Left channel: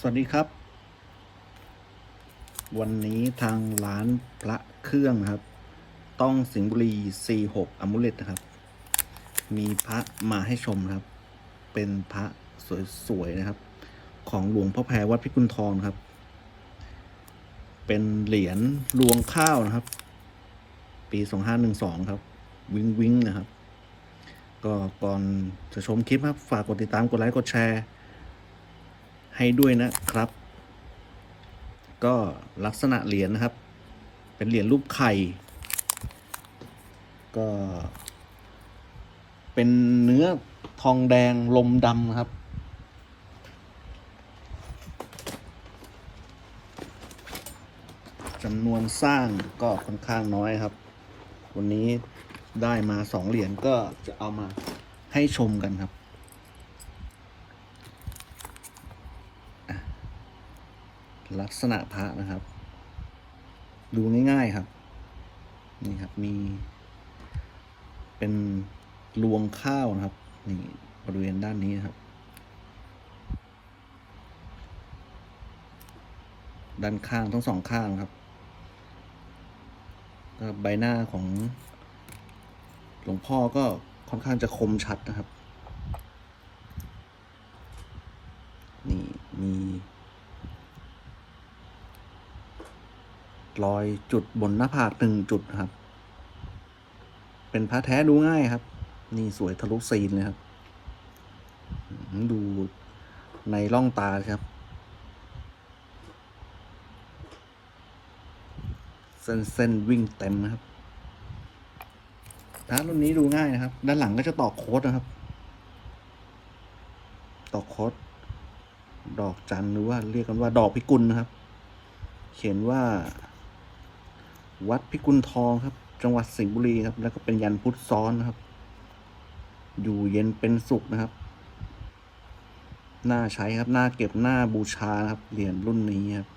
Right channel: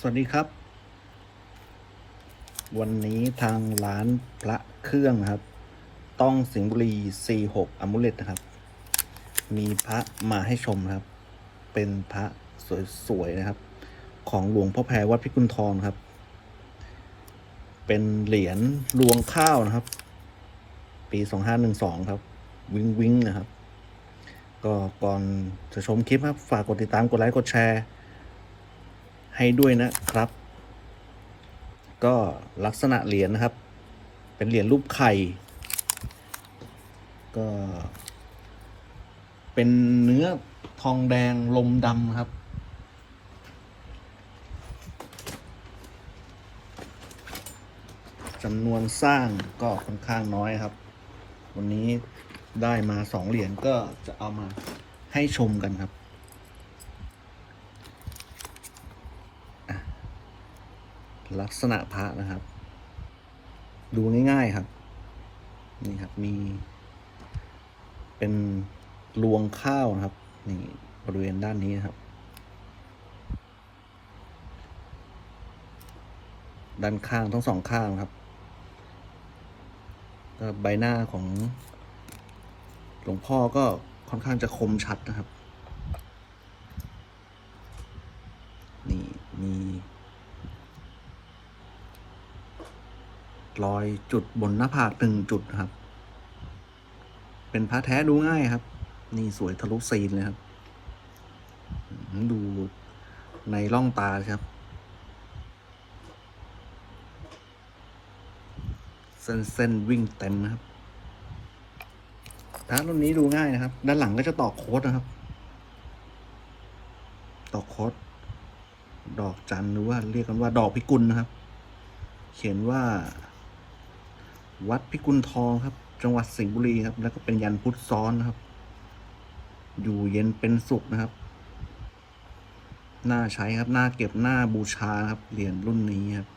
สวัสดีครับ วันนี้ทางร้านพระเครื่องครับ ต้องสิงห์บุรี46อมุเลตนะครับ มีพระมาให้ชมครับ เป็นพระสวยๆนะครับ ของหลวงพ่อแพรวัดพิกุลทองครับ เป็นเหรียญรวงข้าวนะครับ ปี2512ครับ วิงวิงนะครับ ก็ก่อนจะชมคลิปครับ ฝากกดติดตามกดไลค์กดแชร์ ให้ด้วยนะครับ ก็ลักษณะเหรียญนะครับ เป็นเหรียญรูปไข่ ก็ เป็นเนื้อทองแดงลมดำครับจำนวนสร้างก็ค่อนข้างน้อยครับ วันนี้ได้มาสองเหรียญก็จะเอามาให้ชมกันครับ ลักษณะพระนะครับ ดูง่ายๆครับ นี่ครับมี เป็นรวงข้าวนะครับ นี่บริเวณด้านนี้นะครับ ด้านข้างทั้งสองข้างครับใบหน้าของหลวงพ่อก็ค่อนข้างจะคมชัดนะครับ นี่มี รอยจุดบนหน้าผากหนึ่งจุดครับ เป็นพระแท้ดูง่ายครับ นี่สวยทะลุซีนเลยครับ ดูในร่องตาครับ เส้นเส้นวิ่งเต็มนะครับพระรุ่นนี้ดูง่ายนะครับ ด้านหลังก็จะตอกโค้ดนะครับ ตอกโค้ดดอกจันหรือว่าเรียกกันว่าดอกพิกุลนะครับ เขียนว่า วัดพิกุลทองครับ จังหวัดสิงห์บุรีครับ แล้วก็เป็นยันพุทธซ้อนนะครับ อยู่เย็นเป็นสุขนะครับ น่าใช้ครับ น่าเก็บหน้าบูชาครับ เหรียญรุ่นนี้ครับ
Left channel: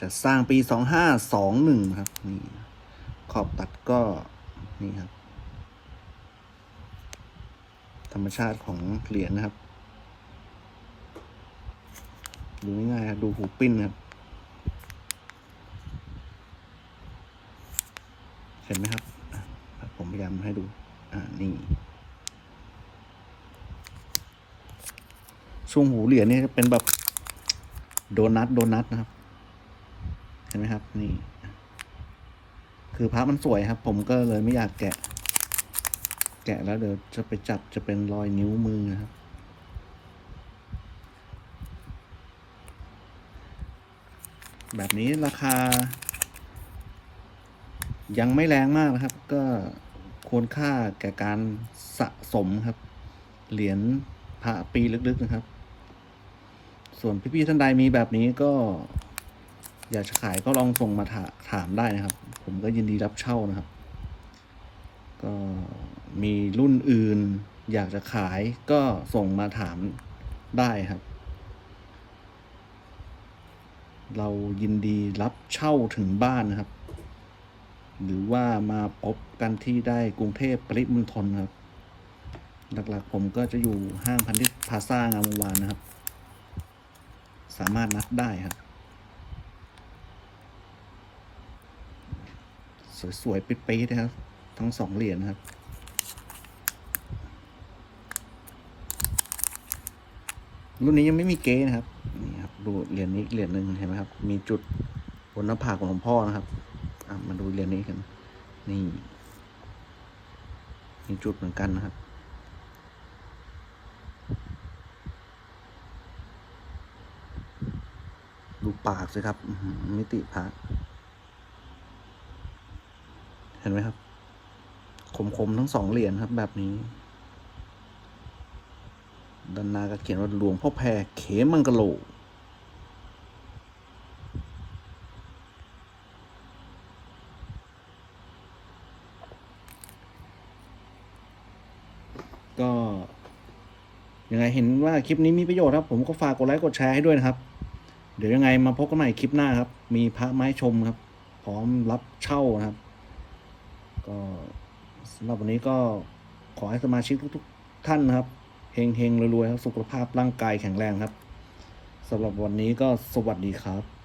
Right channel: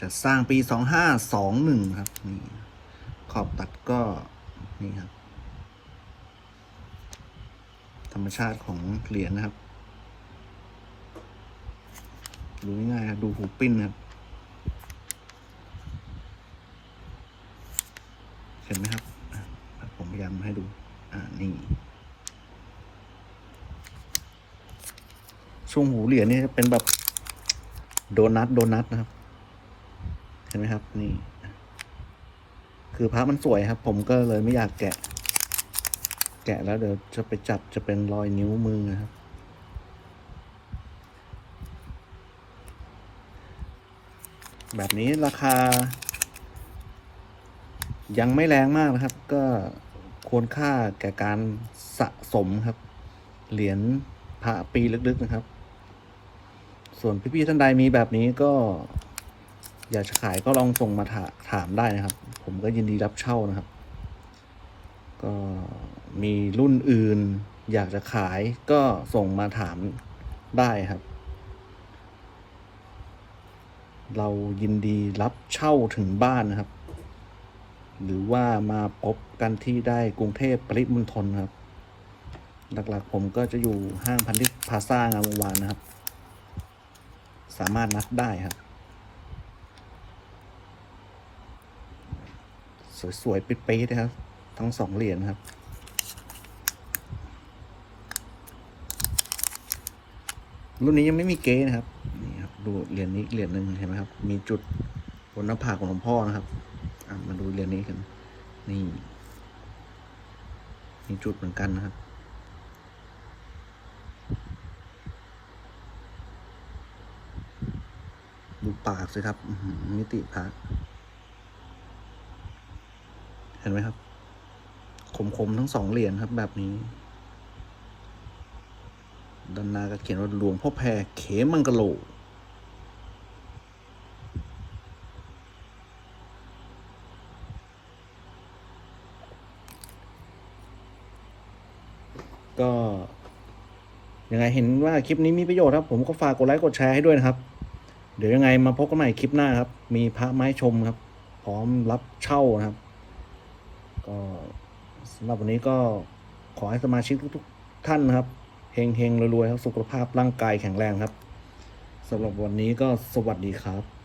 จะสร้างปีสองห้าสองหนึ่งครับ นี่ขอบตัดก็นี่ครับ ธรรมชาติของเหรียญนะครับ ดูง่ายๆดูหูปิ้นครับ เห็นไหมครับอะผมพยายามให้ดู อ่า นี่ ช่วงหูเหรียญนี่จะเป็นแบบโดนัทโดนัทนะครับ เห็นไหมครับ นี่ คือพระมันสวยครับ ผมก็เลยไม่อยากแกะ แกะแล้วเดี๋ยวจะไปจับจะเป็นรอยนิ้วมือนะครับ แบบนี้ราคา ยังไม่แรงมากนะครับ ก็ควรค่าแก่การสะสมครับ เหรียญพระปีลึกๆนะครับ ส่วนพี่ๆท่านใดมีแบบนี้ก็ อยากจะขายก็ลองส่งมาถาถามได้นะครับ ผมก็ยินดีรับเช่านะครับ ก็มีรุ่นอื่น อยากจะขายก็ส่งมาถามได้ครับ เรายินดีรับเช่าถึงบ้านนะครับ หรือว่ามาพบกันที่ได้กรุงเทพปริมณฑลครับ หลักๆผมก็จะอยู่ห้างพันธิพาซ่างามวงวานนะครับ สามารถนัดได้ครับ สวยๆปิ๊ดๆนะครับ ทั้งสองเหรียญครับ รุ่นนี้ยังไม่มีเก๊นะครับนี่ครับดูเหรียญนี้เหรียญหนึ่งเห็นไหมครับ มีจุดบนหน้าผากของหลวงพ่อนะครับมาดูเหรียญนี้กัน นี่ มีจุดเหมือนกันนะครับ ดูปากสิครับ มิติปาก เห็นไหมครับ คมๆทั้งสองเหรียญครับ แบบนี้ด้านหน้าก็เขียนว่าหลวงพ่อแพรเขมังกะโลก็ยังไงเห็นว่าคลิปนี้มีประโยชน์ครับ ผมก็ฝากกดไลค์กดแชร์ให้ด้วยนะครับ เดี๋ยวยังไงมาพบกันใหม่คลิปหน้าครับ มีพระไม้ชมครับ พร้อมรับเช่านะครับ ก็สำหรับวันนี้ก็ขอให้สมาชิกทุกๆท่านนะครับเฮงๆรวยๆครับสุขภาพร่างกายแข็งแรงครับสำหรับวันนี้ก็สวัสดีครับ